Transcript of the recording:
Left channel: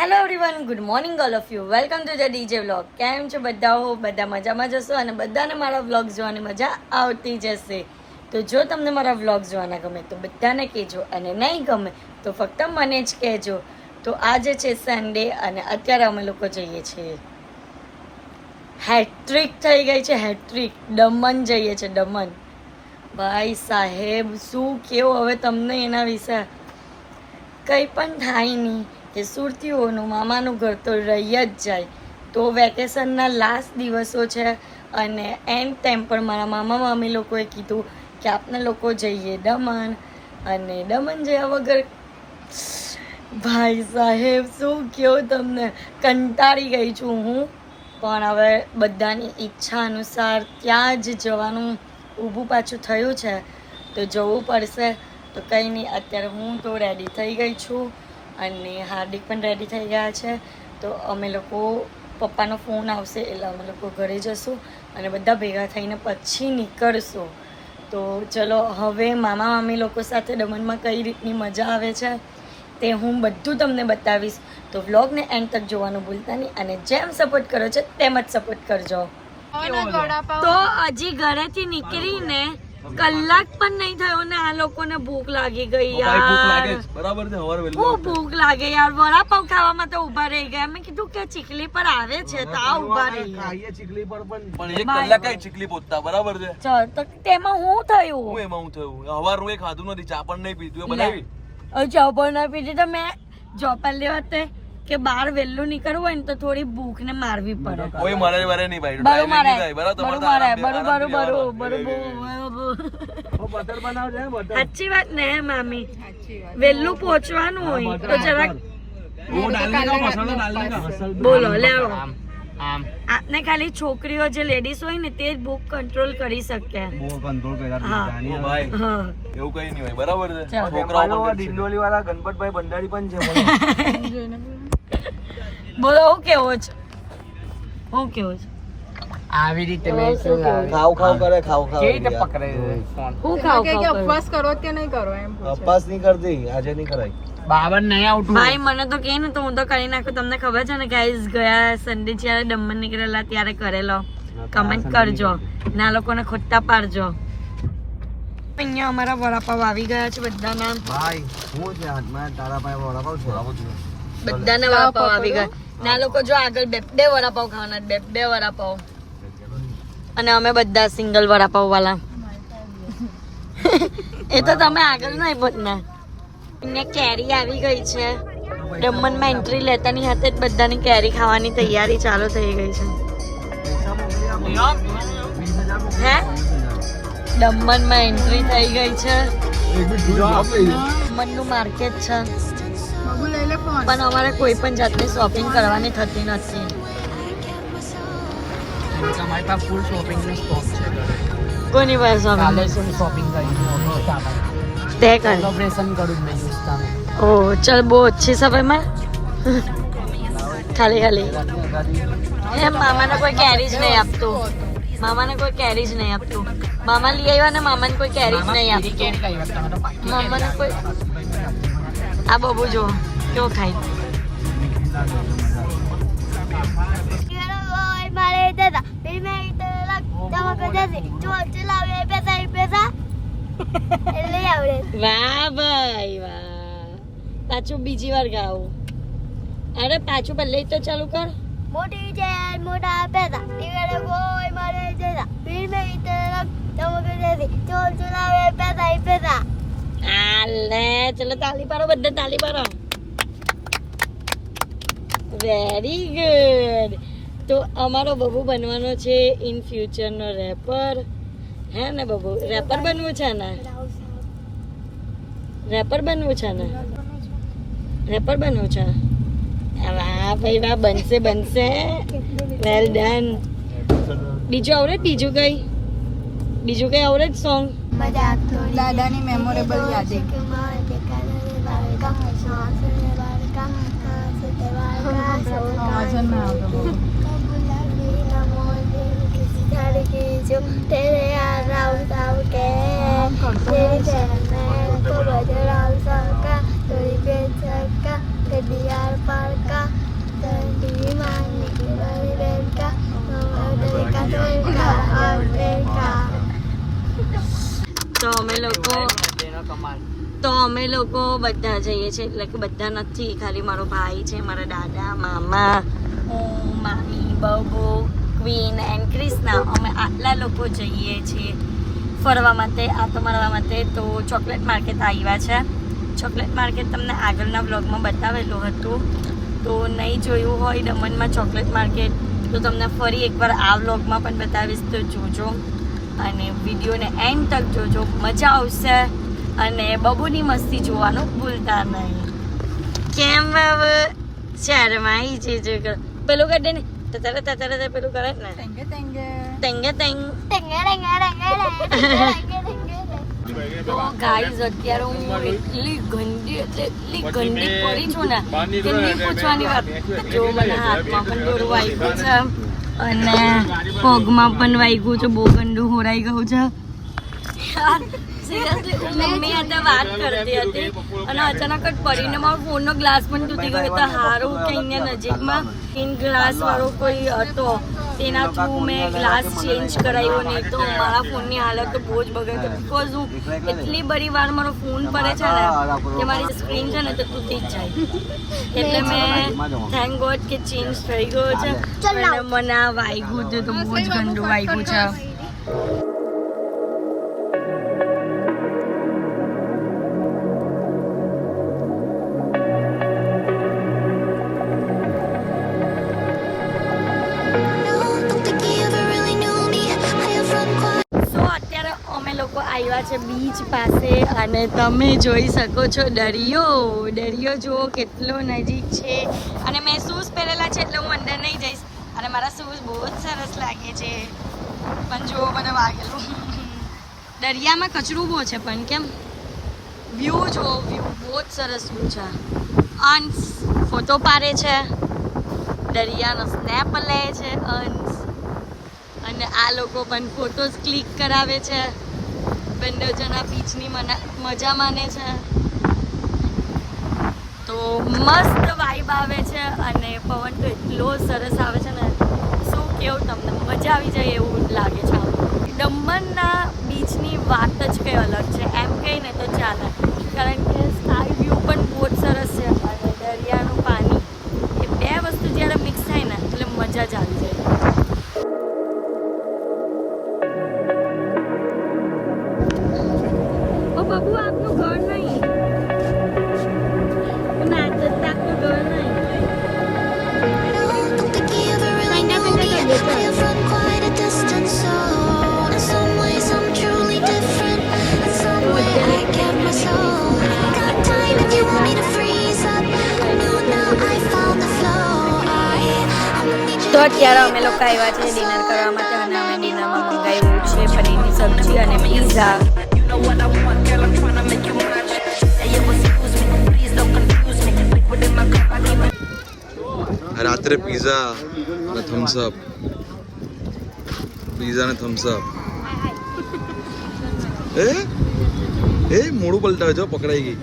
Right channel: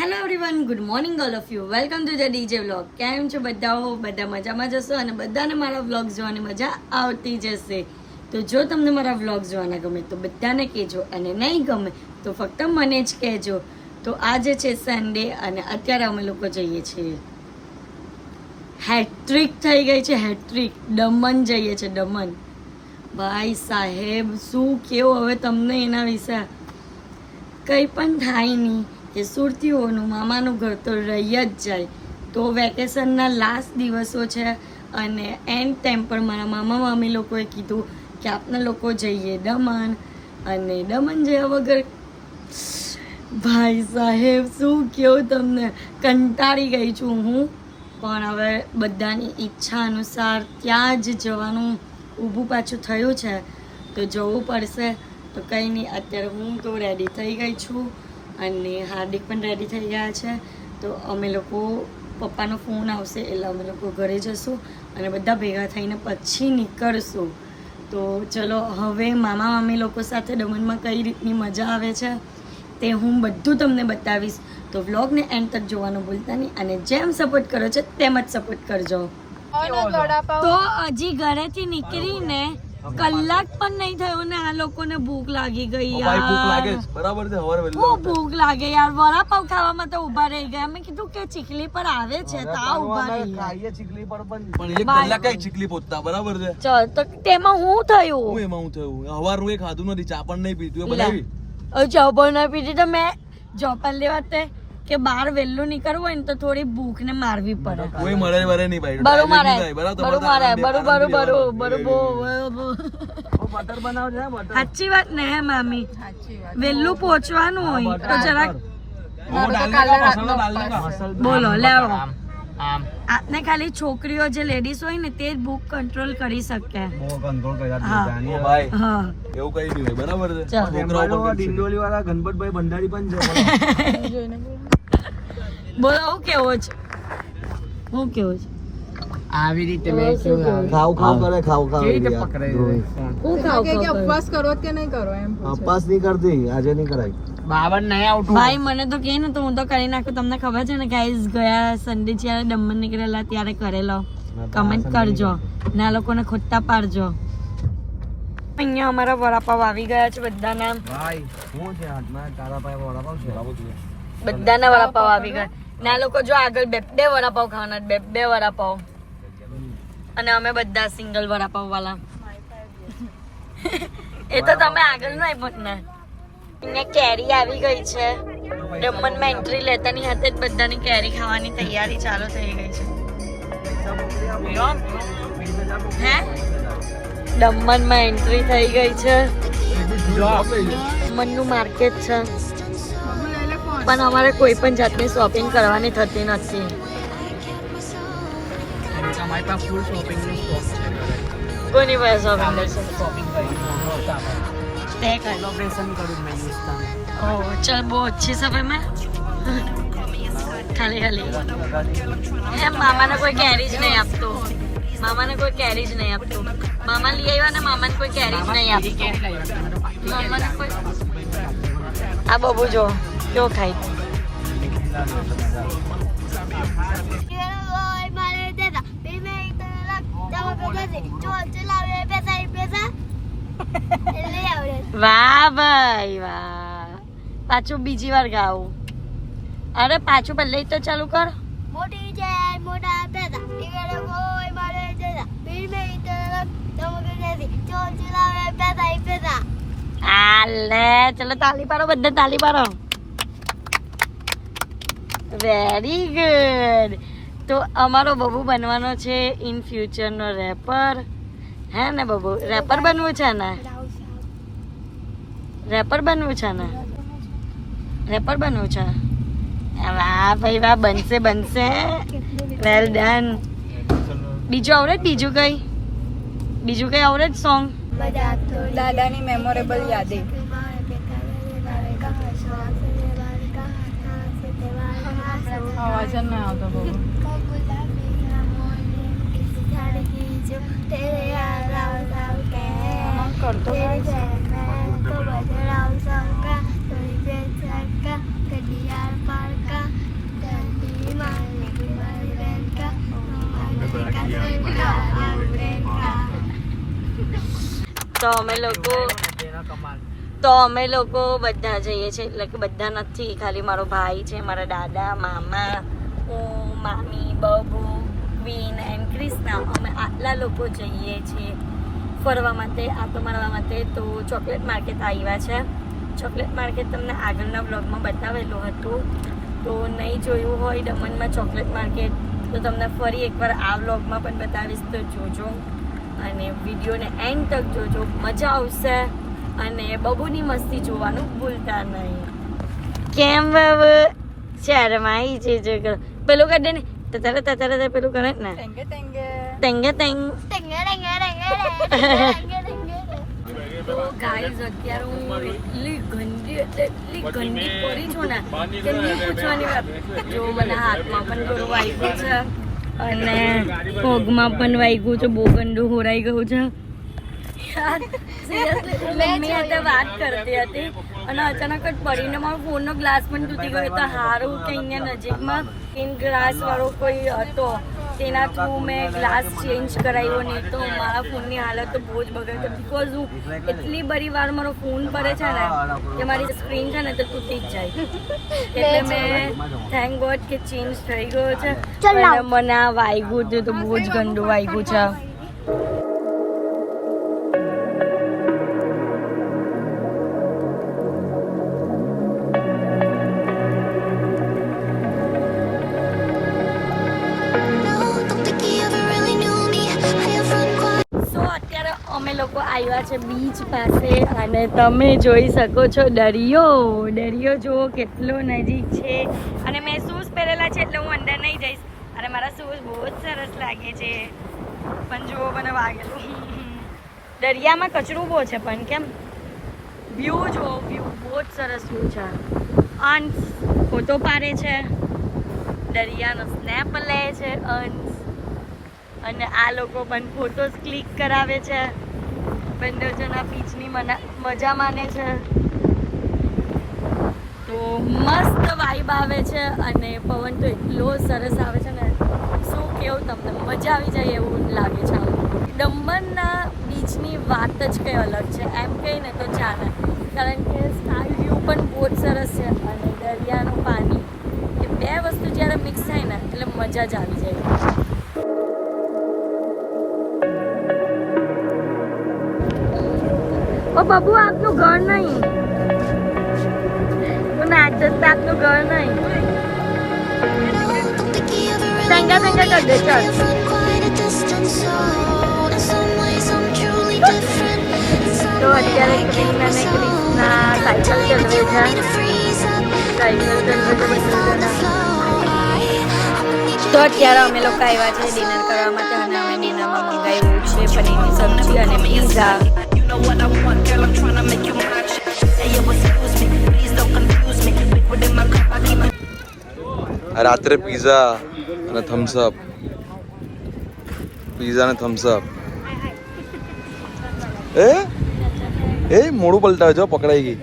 Hello everyone, good morning all of you. Welcome to the DJ vlog. કેમ છો બધા? બધા મજામાં જશો અને બધાને મારા વ્લોગ જોવાની મજા આવતી જશે. તો જો તમને મારા વ્લોગ જોવાના ગમે તો બધાને કહેજો, અને નહીં ગમે તો ફક્ત મને જ કહેજો. તો આજે છે સન્ડે અને અત્યારે અમે લોકો જઈએ છીએ, હેટ્રિક થઈ ગઈ છે, હેટ્રિક. દમણ જઈએ છીએ, દમણ. ભાઈ સાહેબ શું કેવું હવે તમને એના વિશે. કંઈ પણ થાય નહીં કે સુરતીઓનું મામાનું ઘર તો રહી જ જાય. તો વેકેશનના લાસ્ટ દિવસો છે અને એન્ડ ટાઈમ પર મારા મામા મામી લોકોએ કીધું કે આપણે લોકો જઈએ દમણ. અને દમણ જયા વગર ભાઈ સાહેબ શું કહું તમને, કંટાળી ગઈ છું હું. પણ હવે બધાની ઈચ્છા અનુસાર ત્યાં જ જવાનું ઊભું પાછું થયું છે, તો જવું પડશે. તો કંઈ નહીં, અત્યારે હું તો રેડી થઈ ગઈ છું અને હાર્દિક પણ રેડી થઈ ગયા છે. તો અમે લોકો, પપ્પાનો ફોન આવશે એટલે અમે લોકો ઘરે જશું અને બધા ભેગા થઈને પછી નીકળશું. તો ચલો હવે મામા મામી લોકો સાથે દમણમાં કઈ રીતની મજા આવે છે તે હું બધું તમને બતાવીશ. તો વ્લોગને એન્ડ તક જોવાનું ભૂલતા નહીં અને જેમ સપોર્ટ કરો છો તેમ જ સપોર્ટ કરજો. તો હજી ઘરેથી નીકળીને કલાક પણ નહીં થયો ને આ લોકોને ભૂખ લાગી ગઈ યાર. બરાબર છે, ખૂબ ભૂખ લાગે યાર. વડાપાવ ખાવામાં તો ઉભા રહી ગયા. મેં કીધું કે ચીખલી પર આવે છે તો આ ઉભા રહી ગયા. ચીખલી પર પણ એક કલાક કઈ ચીખલી પહોંચતા, બરાબર છે. ચલ તો તેમાં હું થયું, હું એમાં હું થયું હવારનું એ ખાધું નથી, ચા પણ નહીં પીધું. એ બનાવી જબર ના પીધી તો મેં જોપાલ લેવા તે કે બહાર વહેલું નીકળવું હોય ને તો થોડી ભૂખ ને મારવી પડે. કોઈ મરે મરે નહીં ભાઈ, ટાઈમિંગ નહીં થાય. બરાબર, તમારે તો બટર બનાવજે. સાચી વાત ને હે મામી, વહેલું પહોંચવાનું હોય તો જરાક બોલો લેવો. આપને ખાલી છોકરીઓ જે લેડીઝ હોય ને તે જ ભૂખ કંટ્રોલ કરી શકે. હા એવું કઈ નહીં હોય, બરાબર છે. છોકરાઓ પણ દિંડોલી વાળા ગણપતભાઈ ભંડારી પણ છે. બોલો હું કેવો છે, હું કેવું છે આવી રીતે ખાવ ખાવ કરે, ખાવ ખાવ હું ખાવ ખાવ ઉપવાસ કરો કે નહીં કરો એમ અપાસ નહીં કરતી, આજે નહીં કરાય. બાબર નહીં આવતું ભાઈ. મને તો કે ને તો હું તો કરી નાખું. તમને ખબર છે ને ગાઈઝ, ગયા સન્ડે જ્યારે દમણ નીકળેલા ત્યારે કરેલો. કમેન્ટ કરજો ને આ લોકોને ખોટા પાડજો. અહીંયા અમારા વડાપાવ આવી ગયા છે બધાના. ભાઈ હું છે હાથમાં તારા પાસે વડાપાવ છે, બધાના વડાપાવ આવી ગયા. ના લોકો જો આગળ બે બે વડાપાવ ખાવાના, બે બે વડાપાવ. અને અમે બધા સિંગલ વડાપાવ વાળા. એ તો તમે આગળ નહીં બોલના. અહીંયા કેરી આવી ગઈ છે. દમણમાં એન્ટ્રી લેતાની હાથે જ બધાની કેરી ખાવાની તૈયારી ચાલુ થઈ ગઈ છે. હે, દમણમાં એન્ટ્રી થઈ ગઈ છે. દમણનું માર્કેટ છે પણ અમારે કોઈ પણ જાતની શોપિંગ કરવાની થતી નથી. તમારી પાસે ફૂલ શોપિંગ નું સ્ટોક છે. કોની પાસે શોપિંગ કરશે? શોપિંગ કરી તે કર. કોલેબોરેશન કરું મેં. ઓહ ચલ, બહુ अच्छी समय માં ખાલી ખાલી એમ મામાને કોઈ કેરી જ નહીં આપતું. મામાને કોઈ કેરી જ નહીં આપતું. મામા લઈ આવ્યા ને મામાને કોઈ કેરી જ નહીં આપતું. મામાને કોઈ આ બબુ જો કેવો ખાય. વાહ ભાઈ વાહ. પાછું બીજી વાર ગાવું. અરે પાછું પહેલે તો ચાલુ કર. મોટી છે મોટા પેદા ઈગડે બોય મારે જેદા પીર મે ઇતરક તમકે દેસી ચોલ ચલાવે પેદા ઈ પેદા. આલે ચલો તાલી પાડો, બધા તાલી પાડો. Very good. તો અમારો બબુ બનવાનો છે ઇન ફ્યુચર નો રેપર. હે ને બબુ, રેપર બનવું છે ને? રેપર બનવું છે ને? રેપર બનવું છે. વાહ ભાઈ વાહ, બનશે બનશે. Well done. બીજું આવડે? બીજું કઈ? બીજું કઈ આવડે સોંગ? દાદાની મેમોરેબલ યાદે. तेरे यार राव राव के तेरी बहन को बजराव सबका तोरी पे छक्का कभी यार पार का તો અમે લોકો બધા જઈએ છીએ, એટલે કે બધા નથી, ખાલી મારો ભાઈ છે, મારા દાદા, મામા, હું, મામી, બબુ, ક્વીન એન્ડ ક્રિષ્ના, અમે આટલા લોકો જઈએ છીએ ફરવા માટે, આટો મારવા માટે. તો ચોકલેટ માર્કેટ આવ્યા છે. ચોકલેટ માર્કેટ તમને આગળના બ્લોગમાં બતાવેલું હતું, તો નહીં જોયું હોય દમણમાં ચોકલેટ માર્કેટ તો તમને ફરી એકવાર આ બ્લોગમાં પણ બતાવીશ, તો જોજો અને વિડીયોને એન્ડ તક જોજો, મજા આવશે. અને બબુની મસ્તી જોવાનું ભૂલતા નહીં. કેમ બાબુ શરમાઈ છે? જો પેલું કાઢે ને તારે પેલું કરે ને ટેંગે ટેંગ. તો ગાઈઝ અત્યારે હું એટલી ગંદી પડી છું ને કે નહીં પૂછવાની વાત. જો મને હાથમાં પણ દોરું વાગ્યું છે અને પગમાં પણ વાગ્યું છે, બહુ ગંદુ હોરાઈ ગયું છે યાર. સિરિયસલી હું મમ્મી સાથે વાત કરતી હતી અને અચાનક જ પડીને મારો ફોનનો ગ્લાસ પણ તૂટી ગયો. તો સારું કે અહીંયા નજીકમાં સ્કીન ગ્લાસ વાળો કોઈ હતો, તેના થ્રુ મેં ગ્લાસ ચેન્જ કરાવ્યો. નહીં તો મારા ફોનની હાલત તો બહુ જ બગડે છે, બિકોઝ હું એટલી બધી વાર મારો ફોન પડે છે ને કે મારી સ્ક્રીન છે ને તો તૂટી જ જાય. એટલે મેં થેન્ક ગોડ કે ચેન્જ થઈ ગયો છે. અને મને આ વાગ્યું હતું તો બહુ જ ગંદુ વાગ્યું છે. આવ્યા છે બીચ પાસે અને તમે જોઈ શકો છો દરિયો જુઓ કેટલો નજીક છે. અને મેં શૂઝ પહેરેલા છે એટલે હું અંદર નહીં જઈશ અને મારા શૂઝ બહુ જ સરસ લાગે છે, પણ જુઓ મને વાગેલું. દરિયામાં કચરું બહુ છે પણ કેમ વ્યૂ જુઓ, વ્યૂ બહુ જ સરસ વ્યૂ છે. અંશ ફોટો પાડે છે, દરિયાનો સ્નેપ લે છે અંશ, અને આ લોકો પણ ફોટોઝ ક્લિક કરાવે છે. બંને જણા બીચની મજા માને છે. તો મસ્ત વાઇબ આવે છે અને પવન તો એટલો સરસ આવે છે ને શું કેવું તમને, મજા આવી જાય એવું લાગે છે. દમણના બીચની વાત જ કંઈ અલગ છે, એમ કહીને તો ચાલે, કારણ કે સ્કાય વ્યૂ પણ બહુ જ સરસ છે અને દરિયાનું પાણી, એ બે વસ્તુ જ્યારે મિક્સ થાય ને એટલે મજા જ આવી જાય. ઓ બાબુ આપનું ઘર નહીં, નાચત આપનું ઘર નહીં. સંગા કરી દે ચાલ. તો અત્યારે અમે લોકો આવ્યા છે ડિનર કરવા માટે અને અમે ડિનરમાં મંગાવ્યું છે પનીરની સબ્જી અને પીઝા. રાત્રે પીઝા અને થમ્સઅપ, એ મોડું પલટાવે જો પકડાઈ ગઈ.